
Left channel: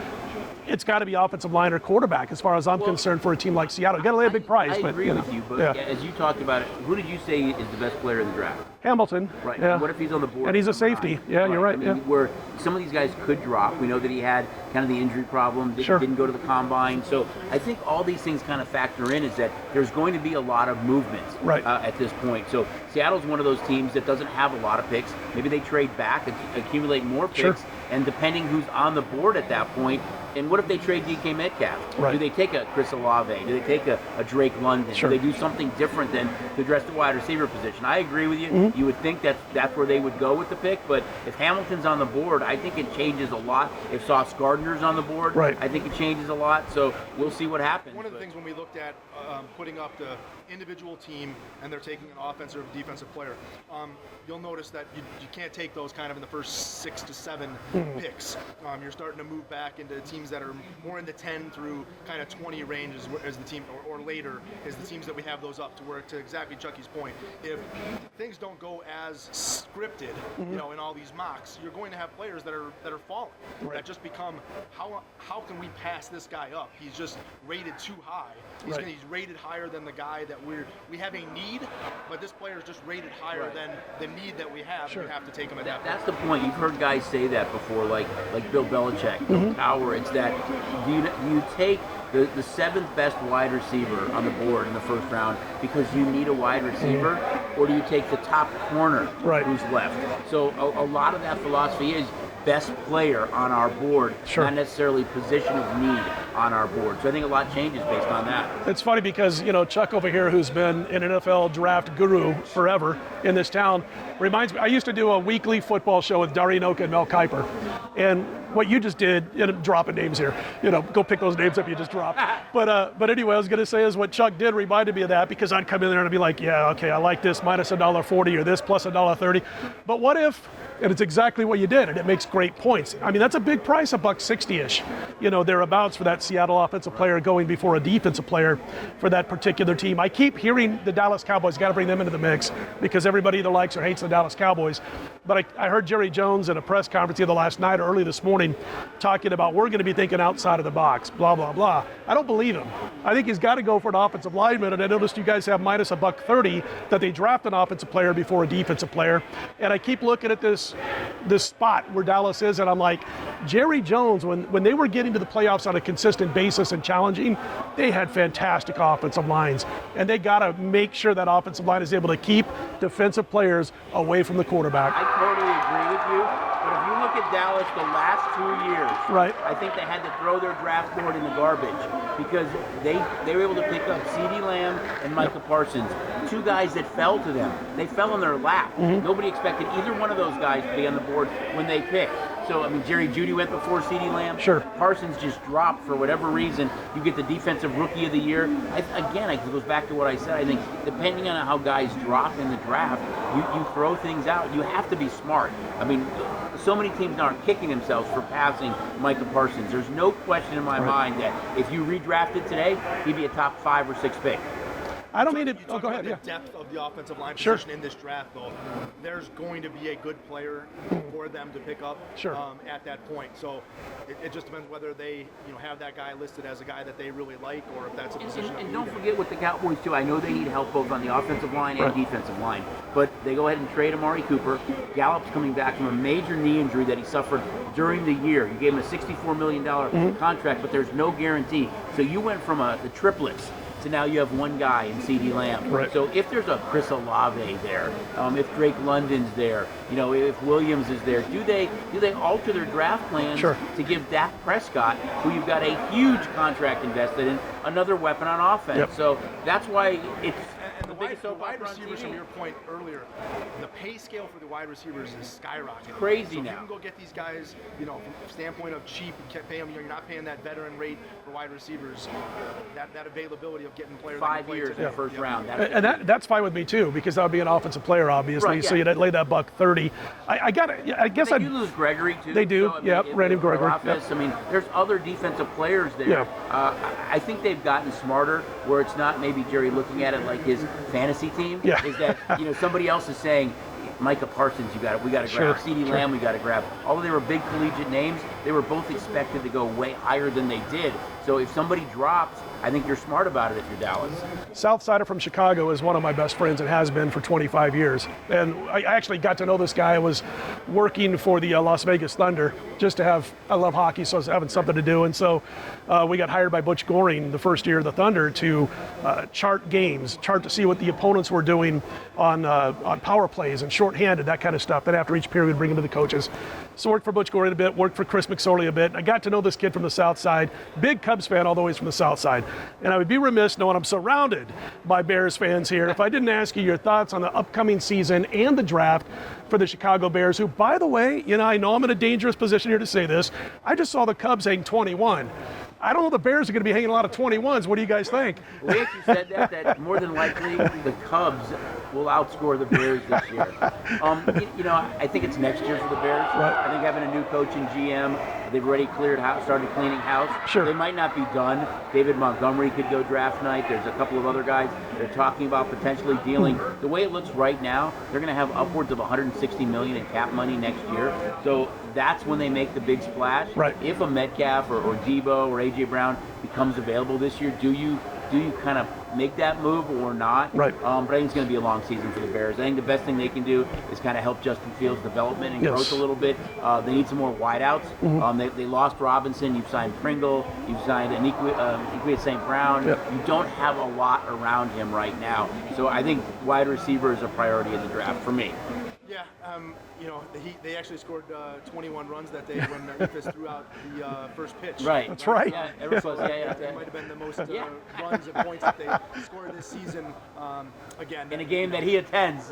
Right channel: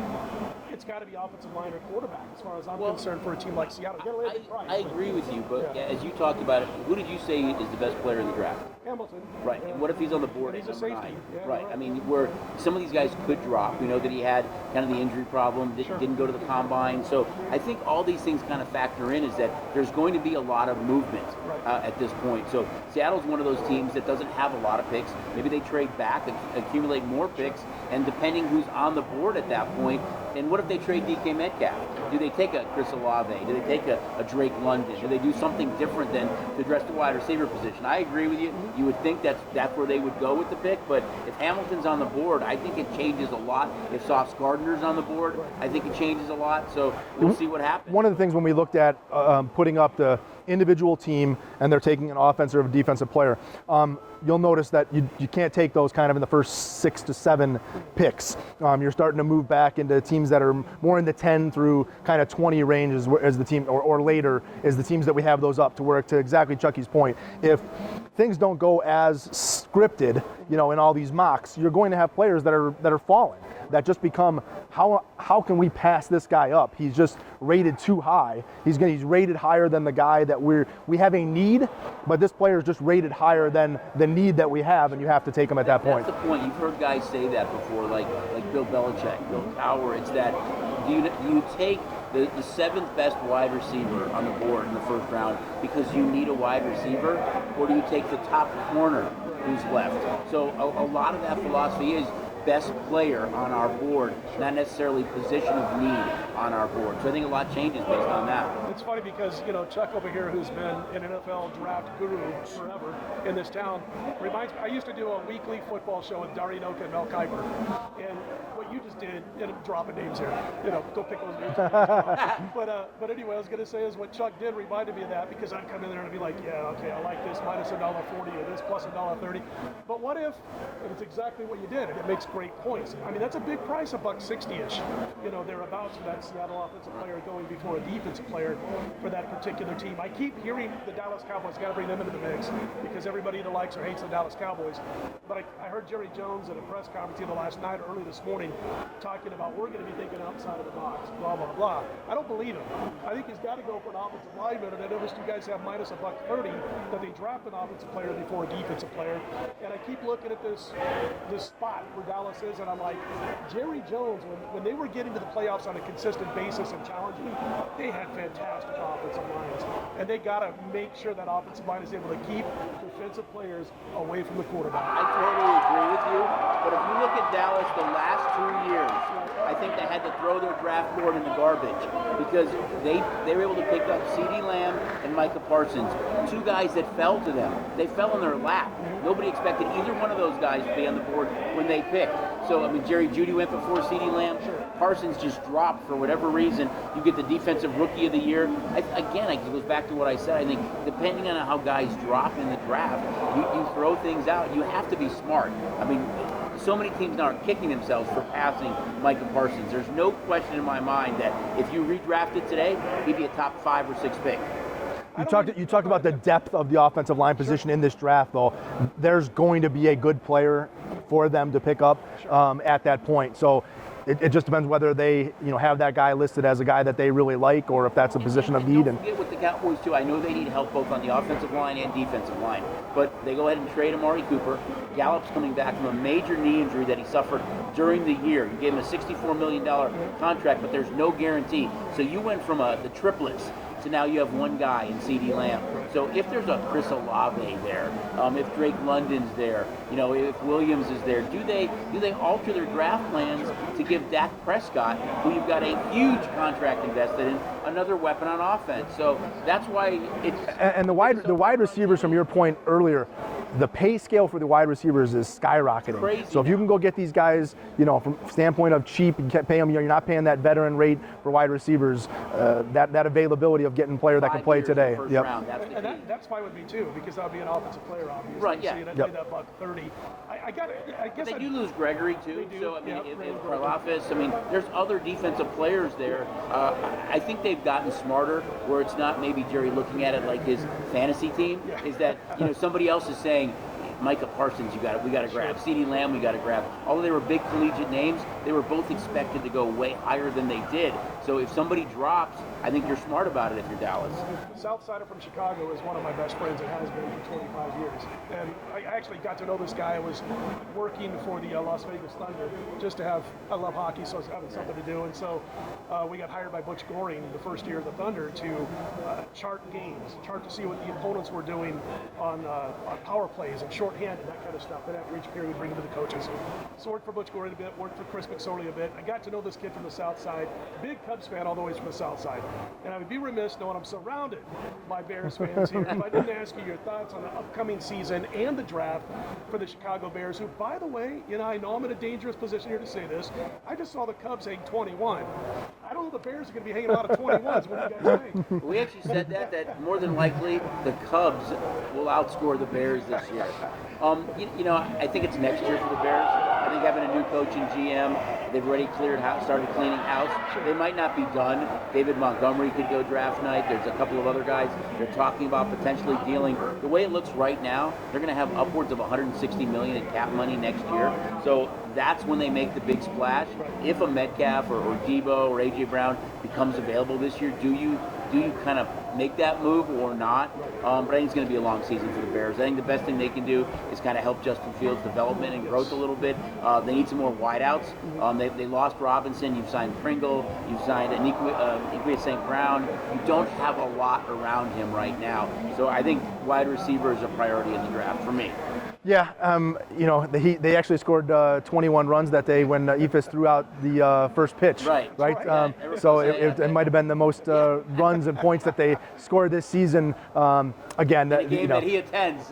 It's got to be offensive line or quarterback, as far as I'm concerned, for a team like Seattle. You got to lay a big price. I agree with you, but as you talked about it, who did you say is the best player in the draft? Hamilton. Right. Yeah. What if he's on the board? And he's a safety. Yeah, you're right. I mean, Yeah. where some of these guys could drop. We know that he had kind of the injury problem, didn't go to the combine. So I think all these things kind of factor in, is that there's going to be a lot of movement at this point. So Seattle's one of those teams that doesn't have a lot of picks. Maybe they trade back, accumulate more picks, and depending who's on the board at that point, and what if they trade DK Metcalf? Right. Do they take a Chris Olave? Do they take a Drake London? Sure. Do they do something different than to address the wide receiver position? I agree with you. You would think that's where they would go with the pick, but if Hamilton's on the board, I think it changes a lot. If Sauce Gardner's on the board, I think it changes a lot. So we'll see what happens. One of the things when we looked at putting up the individual team and they're taking an offensive or defensive player, you'll notice that you can't take those kind of in the first 6 to 7 picks. You're starting to move back into teams that are more in the 10 through kind of 20 range as the team, or later is the teams that we have those up to work to exactly Chucky's point. If things don't go as scripted, in all these mocks, you're going to have players that are falling, that just become, how can we pass this guy up? He's just rated too high. He's rated higher than the guy that we have a need, but this player is just rated higher than the need that we have, and you have to take him at that point. That's the point. You've heard guys say that before, like Bill Belichick, Bill Cowher. It's that you take the 7th best wide receiver on the board in the first round because you need a wide receiver, or do you take the top corner who's left? So a lot of that philosophy is best player on our board, not necessarily position of need on our board. So I think a lot changes based on that. It's funny because, Chuck over here, who's been an NFL draft guru forever in this town, reminds me, I used to do a weekly football show with Dari Noka and Mel Kiper. And what you just did, dropping names here, go pick those names up you just dropped. But anyway, I was going to say is what Chuck did reminded me of that, because I'd come in there and I'd be like, yeah, okay, I like this minus $1.40 or this plus $1.30. But what if, and it's exactly what you did, and it makes great points. I mean, that's a big price, $1.60-ish, thereabouts for that Seattle offensive player going before a defensive player for that particular team. I keep hearing the Dallas Cowboys, got to bring them into the mix because everybody either likes or hates the Dallas Cowboys. But I heard Jerry Jones in a press conference either last night or early this morning talking about we're going to be thinking outside of the box, blah, blah, blah. I don't believe him. I think he's got to go for an offensive lineman, and I noticed you guys have minus $1.30 that they draft an offensive player before a defensive player. And I keep looking at this spot where Dallas is, and I'm like, Jerry Jones, when they were getting to the playoffs on a consistent basis and challenging, they had fantastic offensive lines. And they got to make sure that offensive line is able to keep defensive players away from the quarterback. I totally agree with you. But if you look at Dallas the last 2 years, I think they had to throw their draft board in the garbage because they were able to pick up CeeDee Lamb and Micah Parsons, 2 guys that fell to them. They fell in their lap. Nobody expected either one of those guys to be on the board when they picked. So, I mean, Jerry Jeudy went before CeeDee Lamb. Parsons just dropped for whatever reason. You get the defensive rookie of the year. Again, it goes back to what I said. I think depending on how guys drop in the draft, you throw things out. You have to be smart. I mean, so many teams now are kicking themselves for passing Micah Parsons. There's no question in my mind that if you redrafted today, he'd be a top 5 or 6 pick. You talk about the depth of the offensive line position in this draft, though. There's going to be a good player for them to pick up at that point. So it just depends whether they have that guy listed as a guy that they really like, or if that's a position of need. Don't forget with the Cowboys too. I know they need help both on the offensive line and defensive line, but they go ahead and trade Amari Cooper. Gallup's coming back from a major knee injury that he suffered during the year. You gave him a $64 million contract, but there's no guarantee. So you went from the triplets to now you have one guy in CeeDee Lamb. So if there's a Chris Olave there, if Drake London's there, if Williams is there, do they alter their draft plans to give Dak Prescott, who you've got a huge contract invested in, another weapon on offense? So that's why it's the wide receivers, from your point earlier, the pay scale for the wide receivers is skyrocketing. Crazy. So if you can go get these guys, from standpoint of cheap, and pay them, you're not paying that veteran rate for wide receivers. That availability of getting a player that can play today. And that's fine with me too, because that would be an offensive player, obviously. So you'd lay that $1.30. I guess they do lose Gregory too. They do. So, Randy Gregory. I mean, there's other defensive players there. I think they've gotten smarter, where it's not maybe Jerry looking at it like his fantasy team. Is that somebody else is saying, Micah Parsons, we got to grab. CeeDee Lamb, we got to grab. Although they were big collegiate names, they were both expected to go way higher than they did. So So if somebody drops, I think you're smart about it if you're Dallas. Southsider from Chicago is one of my best friends and has been for 25 years. And I actually got to know this guy. I was working for the Las Vegas Thunder just to have, I love hockey, so I was having something to do. And so we got hired by Butch Goring the first year of the Thunder to chart games, chart to see what the opponents were doing on power plays and shorthanded, that kind of stuff. Then after each period, we'd bring them to the coaches. So worked for Butch Goring a bit, worked for Chris McSorley a bit. I got to know this kid from the South Side, big Cubs fan, although he's from the South Side. And I would be remiss knowing I'm surrounded by Bears fans here if I didn't ask you your thoughts on the upcoming season and the draft for the Chicago Bears, who, by the way, I know I'm in a dangerous position here to say this. I just saw the Cubs hang 21. I don't know the Bears are going to be hanging a lot of 21s. What do you guys think? We actually said that more than likely the Cubs will outscore the Bears this year. I think it's next year for the Bears. I think having a new coach and GM, they've already started cleaning house. Sure. They might not be done. David Montgomery could go draft night. There's a couple of other guys they're talking about potentially dealing. The way it looks right now, they're going to have upwards of $160 million in cap money next year. So that's when they make the big splash. Right. If a Metcalf or Debo or A.J. Brown becomes available this year, do you kind of make that move or not? Right. But I think it's going to be a long season for the Bears. I think the best thing they can do is kind of help Justin Fields' development and growth a little bit. They need some more wideouts. They lost Robinson. You've signed Pringle. You've signed Iniquia St. Brown. Yep. You don't have a lot around him right now. So I think wide receiver is a priority in the draft for me. Yeah, they actually scored 21 runs that day when Ephus threw out the first pitch. Right. That's right. So it might have been the most runs and points that they scored this season. Again, in a game that he attends.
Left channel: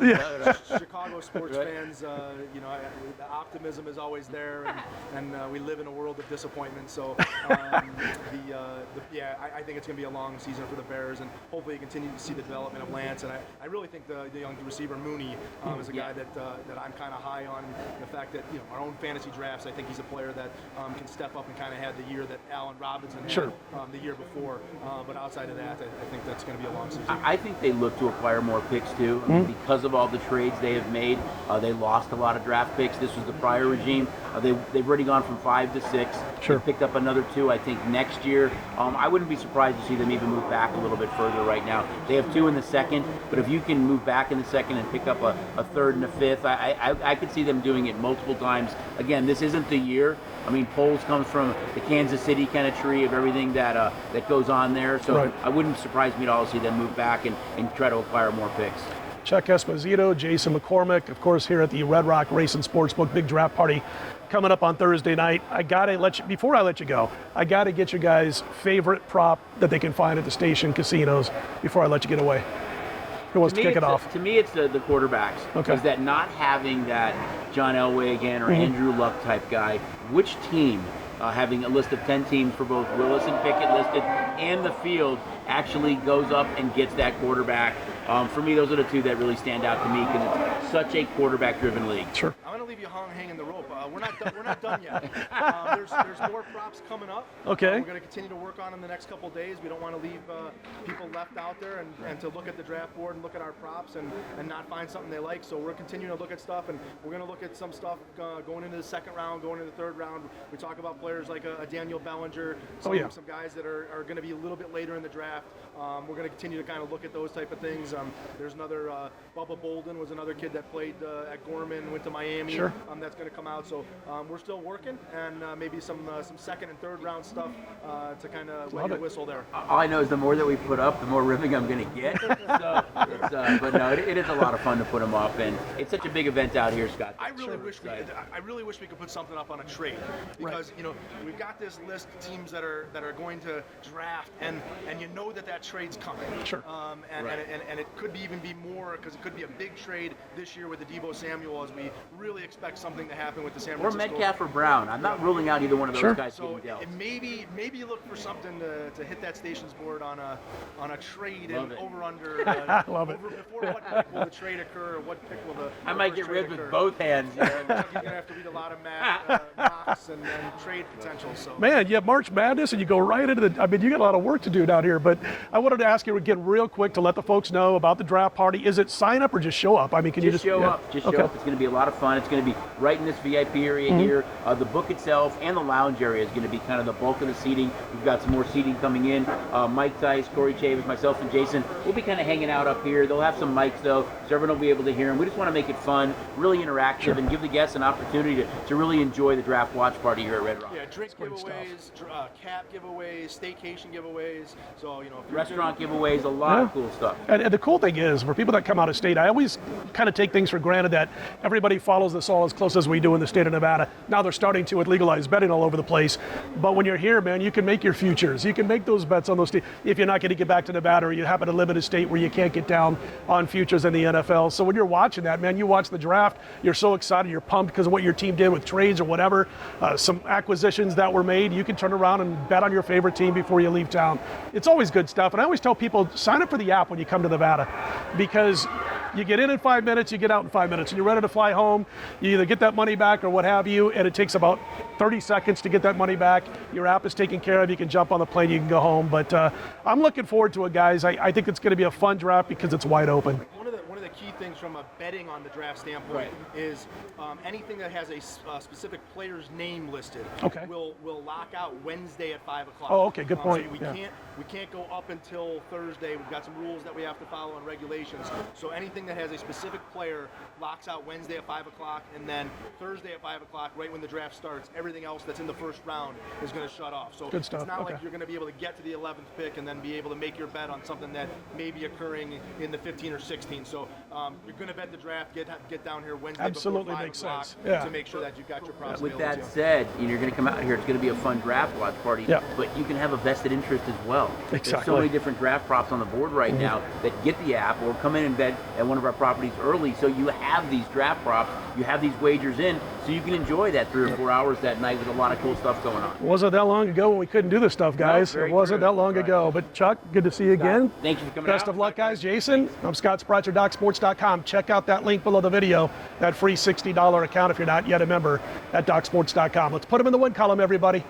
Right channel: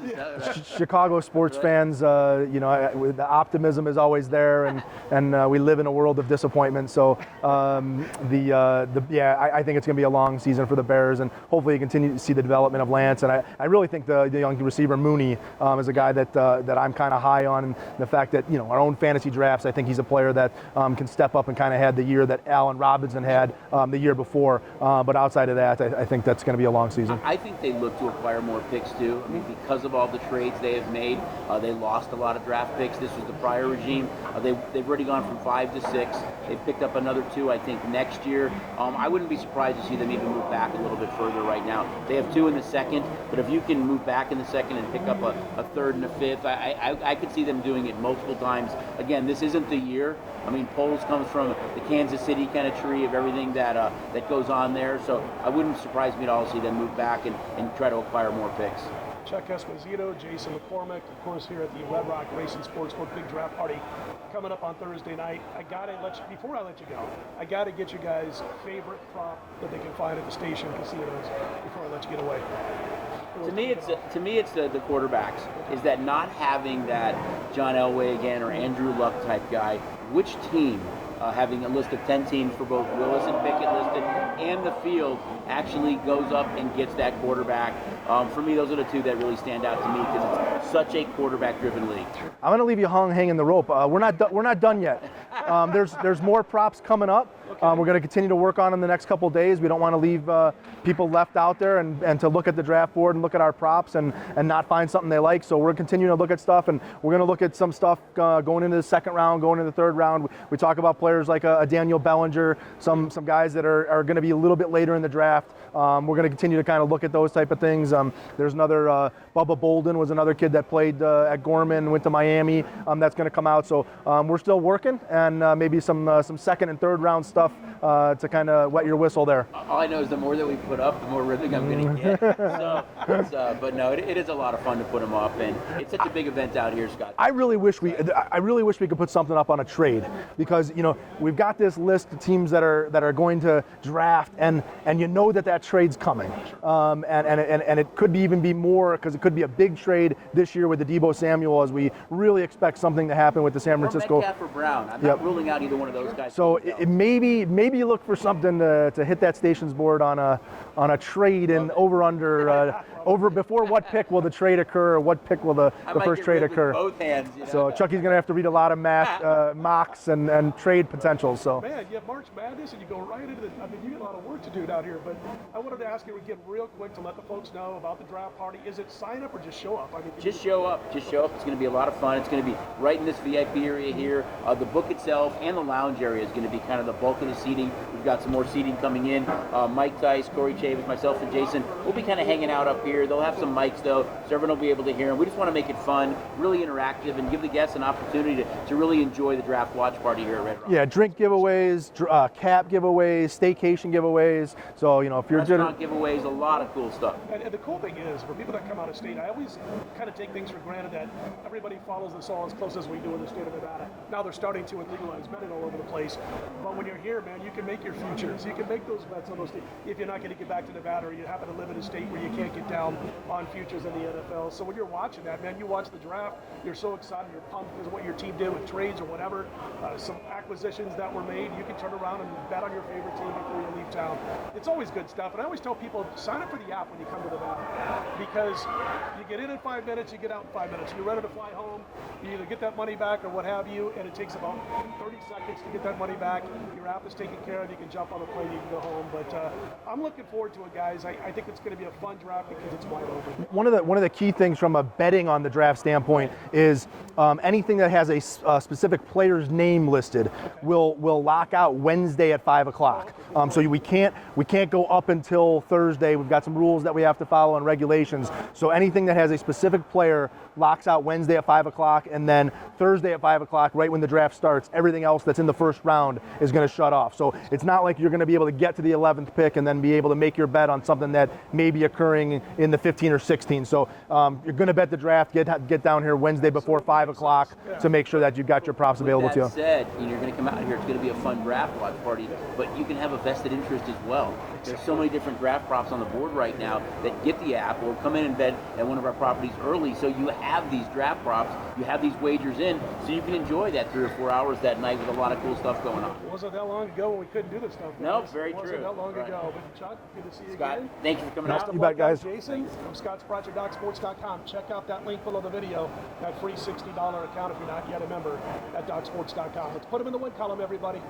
Chicago sports fans, the optimism is always there, and we live in a world of disappointment. So I think it's going to be a long season for the Bears, and hopefully you continue to see the development of Lance. And I really think the young receiver Mooney is a guy that I'm kind of high on, and the fact that our own fantasy drafts, I think he's a player that can step up and kind of had the year that Allen Robinson had the year before. But outside of that, I think that's going to be a long season. I think they look to acquire more picks too, because of all the trades they have made. They lost a lot of draft picks. This was the prior regime. They've already gone from 5 to 6. Sure. They picked up another 2, I think, next year. I wouldn't be surprised to see them even move back a little bit further right now. They have 2 in the second, but if you can move back in the second and pick up a third and a fifth, I could see them doing it multiple times. Again, this isn't the year. I mean, Poles comes from the Kansas City kind of tree of everything that goes on there. So Right. I wouldn't surprise me at all to see them move back and try to acquire more picks. Chuck Esposito, Jason McCormick, of course, here at the Red Rock Racing Sportsbook big draft party coming up on Thursday night. Before I let you go, I gotta get your guys' favorite prop that they can find at the station casinos before I let you get away. Who wants to kick it off? To me, it's the quarterbacks. Okay. Is that not having that John Elway again or Andrew Luck type guy? Which team, having a list of 10 teams for both Willis and Pickett listed and the field, actually goes up and gets that quarterback? For me, those are the two that really stand out to me because it's such a quarterback-driven league. Sure. I'm going to leave you hanging the rope. We're not done yet. There's more props coming up. Okay. We're going to continue to work on them the next couple of days. We don't want to leave people left out there and to look at the draft board and look at our props and not find something they like. So we're continuing to look at stuff, and we're going to look at some stuff going into the second round, going into the third round. We talk about players like a Daniel Bellinger, some guys that are going to be a little bit later in the draft. We're going to continue to kind of look at those type of things. There's another Bubba Bolden was another kid that played at Gorman, went to Miami. Sure. That's going to come out. So we're still working, and maybe some second and third round stuff to kind of wet your whistle there. All I know is the more that we put up, the more ribbing I'm going to get. But no, it is a lot of fun to put them up, and it's such a big event out here, Scott. I really wish we could put something up on a trade, because we've got this list of teams that are going to draft, and that trade's coming. Sure. And it could even be more, because it could be a big trade this year with the Debo Samuel, as we really expect something to happen with the San Francisco. Or Metcalf or Brown. I'm not ruling out either one of those guys. So maybe you look for something to hit that stations board on a trade and over before what pick will the trade occur, or what pick will the first trade occur. Both hands. So Chucky's going to have to read a lot of mocks and trade potentials. So Man, you have March Madness and you go right into you got a lot of work to do down here. But I wanted to ask you again real quick to let the folks know about the draft party. Is it sign up or just show up? I mean, can you just show up? Just show up. It's going to be a lot of fun. It's going to be right in this VIP area here. The book itself and the lounge area is going to be kind of the bulk of the seating. We've got some more seating coming in. Mike Tice, Corey Chavis, myself, and Jason. We'll be kind of hanging out up here. They'll have some mics though, so everyone will be able to hear them. We just want to make it fun, really interactive, and give the guests an opportunity to really enjoy the draft watch party here at Red Rock. Yeah, drink giveaways, cap giveaways, staycation giveaways. So, you know, if you're restaurant giveaways, a lot of cool stuff. And the cool thing is, for people that come out of state, I always kind of take things for granted that everybody follows this all as close as we do in the state of Nevada. Now they're starting to with legalized betting all over the place. But when you're here, man, you can make your futures. You can make those bets on those teams if you're not going to get back to Nevada or you happen to live in a state where you can't get down on futures in the NFL. So when you're watching that, man, you watch the draft, you're so excited, you're pumped because of what your team did with trades or whatever, some acquisitions that were made. You can turn around and bet on your favorite team before you leave town. It's always good stuff. And I always tell people, sign up for the app when you come to Nevada, because you get in 5 minutes, you get out in 5 minutes, and you're ready to fly home. You either get that money back or what have you, and it takes about 30 seconds to get that money back. Your app is taken care of. You can jump on the plane, you can go home. But I'm looking forward to it, guys. I think it's going to be a fun draft because it's wide open. One of the key things from a betting on the draft standpoint is anything that has a specific player's name listed will lock out Wednesday at 5 o'clock. Oh, okay, good point. So we can't go up until Thursday. We've got some rules that we have to follow and regulations. So anything that has a specific player locks out Wednesday at 5 o'clock, and then Thursday at 5 o'clock, right when the draft starts, everything else that's in the first round is going to shut off. So it's not like you're going to be able to get to the 11th pick and then be able to make your bet on something that may be occurring in the 15 or 16. So you're going to bet the draft, get down here Wednesday before 5 o'clock to make sure that you've got your props available to you. With that said, you're going to come out here, it's going to be a fun draft watch party, but you can have a vested interest as well. Exactly. There's so many different draft props on the board right now that get the app or come in and bet at one of our properties early, so you have these draft props, you have these wagers in, so you can enjoy that 3 or 4 hours that night with a lot of cool stuff going on. Wasn't that long ago when we couldn't do this stuff, guys. No, it wasn't that long ago. But Chuck, good to see you again. Thank you for coming out. Best of luck, guys. Jason, I'm Scott Spreitzer, DocSports.com. Check out that link below the video, that free $60 account if you're not yet a member at DocSports.com. Let's put them in the win column, everybody.